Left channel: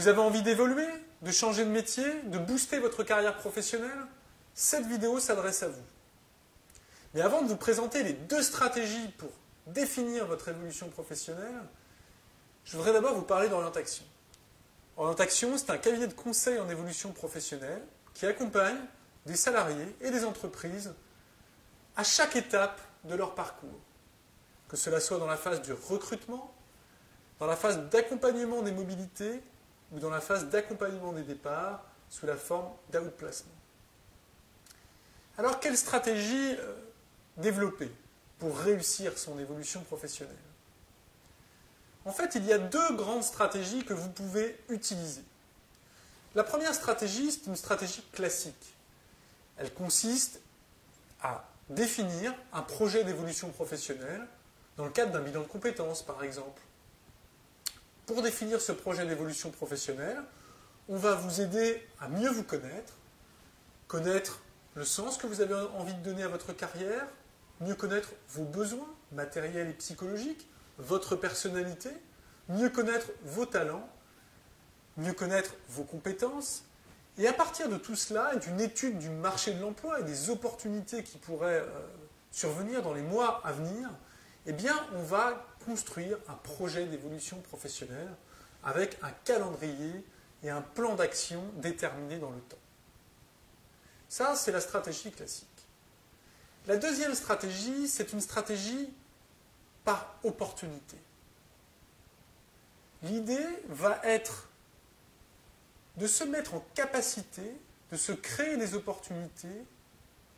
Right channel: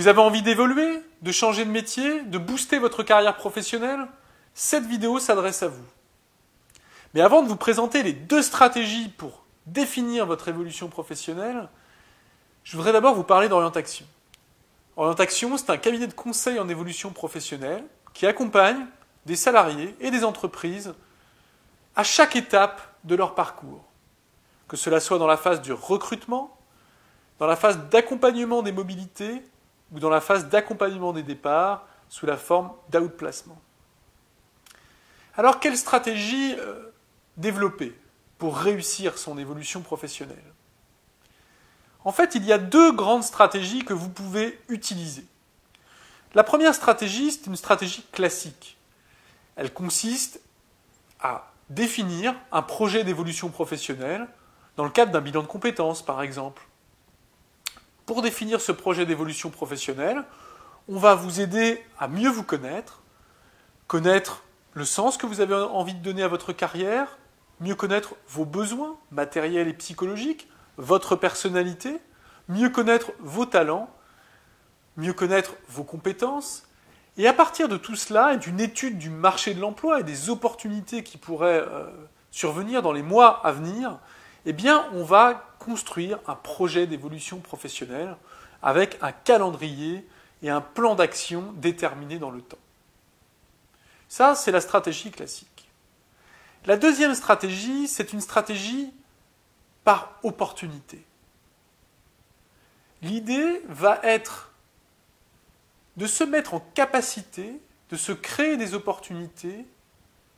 Vous avez envie d'évoluer, de changer de métier, de booster votre carrière professionnelle? Cette vidéo s'adresse à vous. Mais avant de vous présenter les 2 stratégies pour définir votre évolution professionnelle, je voudrais d'abord vous parler d'Orientaction. Orientaction, c'est un cabinet de conseil en évolution professionnelle qui accompagne des salariés et des entreprises à chaque étape de leur parcours. Que cela soit dans la phase du recrutement, dans la phase d'accompagnement des mobilités ou dans la phase d'accompagnement des départs sous la forme d'outplacement. Alors, quelle stratégie développer pour réussir son évolution professionnelle? En fait, il y a 2 grandes stratégies que vous pouvez utiliser. La première stratégie, c'est une stratégie classique. Elle consiste à définir un projet d'évolution professionnelle dans le cadre d'un bilan de compétences, par exemple. Pour définir ce projet d'évolution professionnelle, on va vous aider à mieux vous connaître le sens que vous avez envie de donner à votre carrière, mieux connaître vos besoins matériels et psychologiques, votre personnalité, mieux connaître vos talents, mieux connaître vos compétences. Et à partir de tout cela et d'une étude du marché de l'emploi et des opportunités qui pourraient survenir dans les mois à venir, eh bien, on va construire un projet d'évolution professionnelle avec un calendrier et un plan d'action déterminé dans le temps. Ça, c'est la stratégie classique. La deuxième stratégie, c'est une stratégie par opportunité. L'idée va être de se mettre en capacité de se créer des opportunités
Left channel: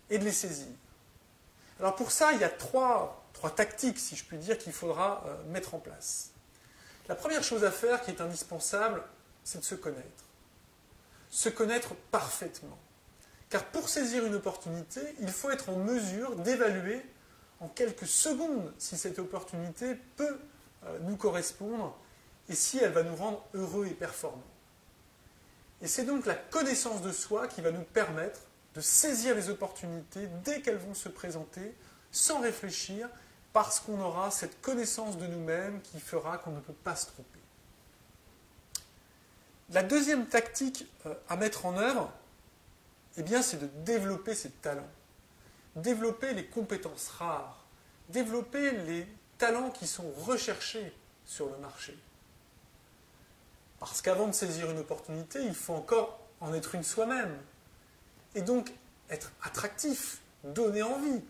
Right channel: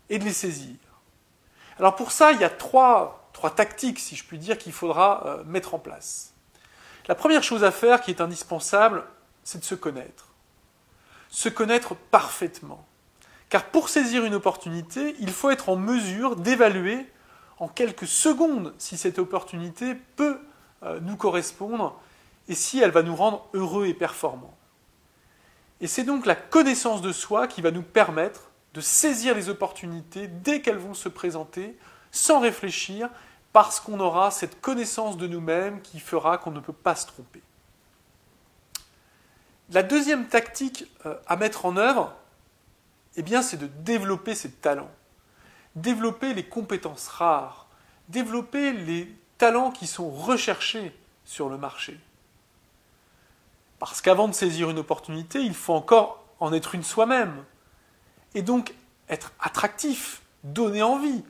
et de les saisir. Alors pour ça, il y a trois tactiques, si je puis dire, qu'il faudra mettre en place. La première chose à faire, qui est indispensable, c'est de se connaître. Se connaître parfaitement. Car pour saisir une opportunité, il faut être en mesure d'évaluer en quelques secondes si cette opportunité peut nous correspondre et si elle va nous rendre heureux et performants. Et c'est donc la connaissance de soi qui va nous permettre de saisir les opportunités dès qu'elles vont se présenter, sans réfléchir, parce qu'on aura cette connaissance de nous-mêmes qui fera qu'on ne peut pas se tromper. La deuxième tactique à mettre en œuvre, eh bien, c'est de développer ses talents, développer les compétences rares, développer les talents qui sont recherchés sur le marché. Parce qu'avant de saisir une opportunité, il faut encore en être une soi-même. Et donc, être attractif, donner envie,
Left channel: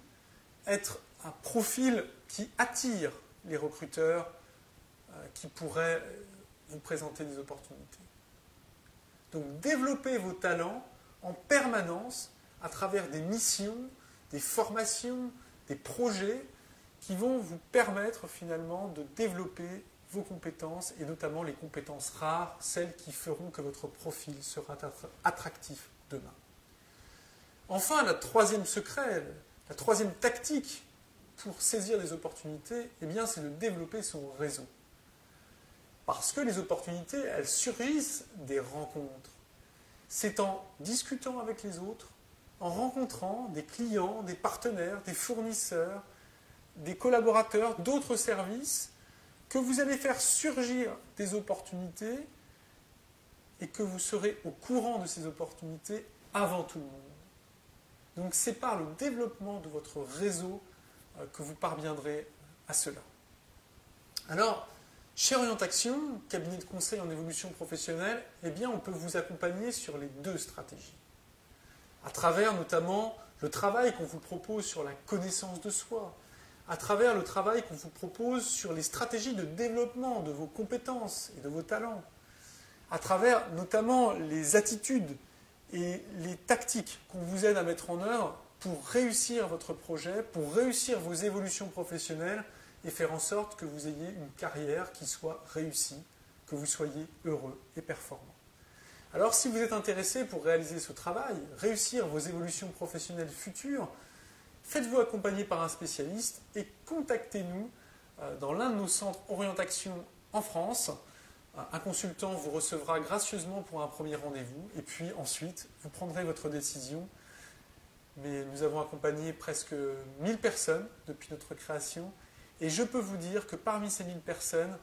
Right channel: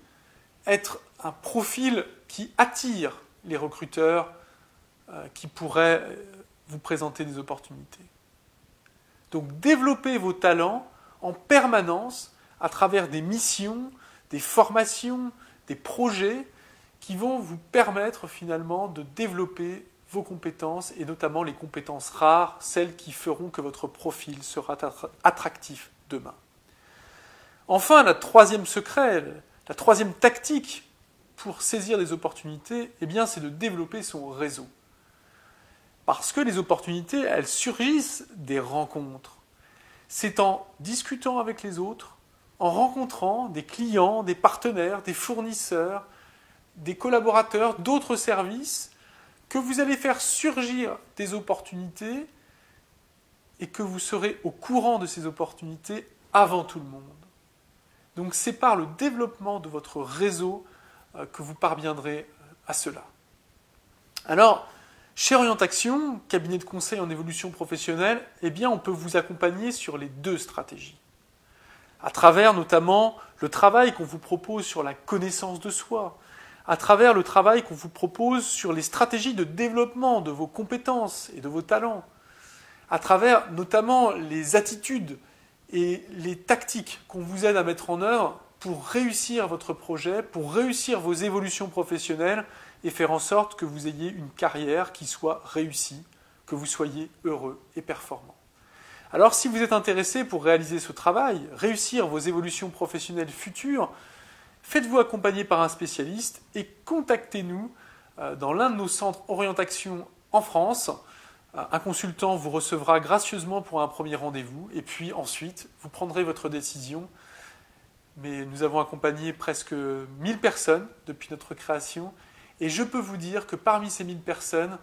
être un profil qui attire les recruteurs qui pourraient vous présenter des opportunités. Donc, développez vos talents en permanence à travers des missions, des formations, des projets qui vont vous permettre finalement de développer vos compétences et notamment les compétences rares, celles qui feront que votre profil sera attractif demain. Enfin, le troisième secret, la troisième tactique pour saisir des opportunités, eh bien, c'est de développer son réseau. Parce que les opportunités, elles surgissent des rencontres. C'est en discutant avec les autres, en rencontrant des clients, des partenaires, des fournisseurs, des collaborateurs d'autres services, que vous allez faire surgir des opportunités et que vous serez au courant de ces opportunités avant tout le monde. Donc c'est par le développement de votre réseau que vous parviendrez à cela. Alors, chez Orientaction, cabinet de conseil en évolution professionnelle, eh bien, on peut vous accompagner sur les 2 stratégies. À travers notamment le travail qu'on vous propose sur la connaissance de soi, à travers le travail qu'on vous propose sur les stratégies de développement de vos compétences et de vos talents, à travers notamment les attitudes et les tactiques qu'on vous aide à mettre en œuvre pour réussir votre projet, pour réussir vos évolutions professionnelles et faire en sorte que vous ayez une carrière qui soit réussie, que vous soyez heureux et performant. Alors si vous êtes intéressé pour réaliser ce travail, réussir vos évolutions professionnelles futures, faites-vous accompagner par un spécialiste et contactez-nous dans l'un de nos centres Orientaction en France. Un consultant vous recevra gracieusement pour un premier rendez-vous et puis ensuite vous prendrez votre décision. Mais nous avons accompagné presque 1000 personnes depuis notre création et je peux vous dire que parmi ces 1000 personnes,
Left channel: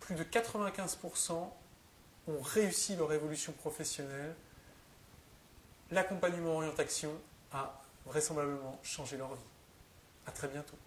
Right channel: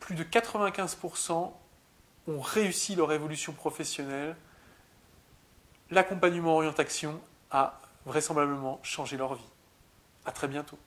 plus de 95% ont réussi leur évolution professionnelle, l'accompagnement orientation a vraisemblablement changé leur vie. À très bientôt.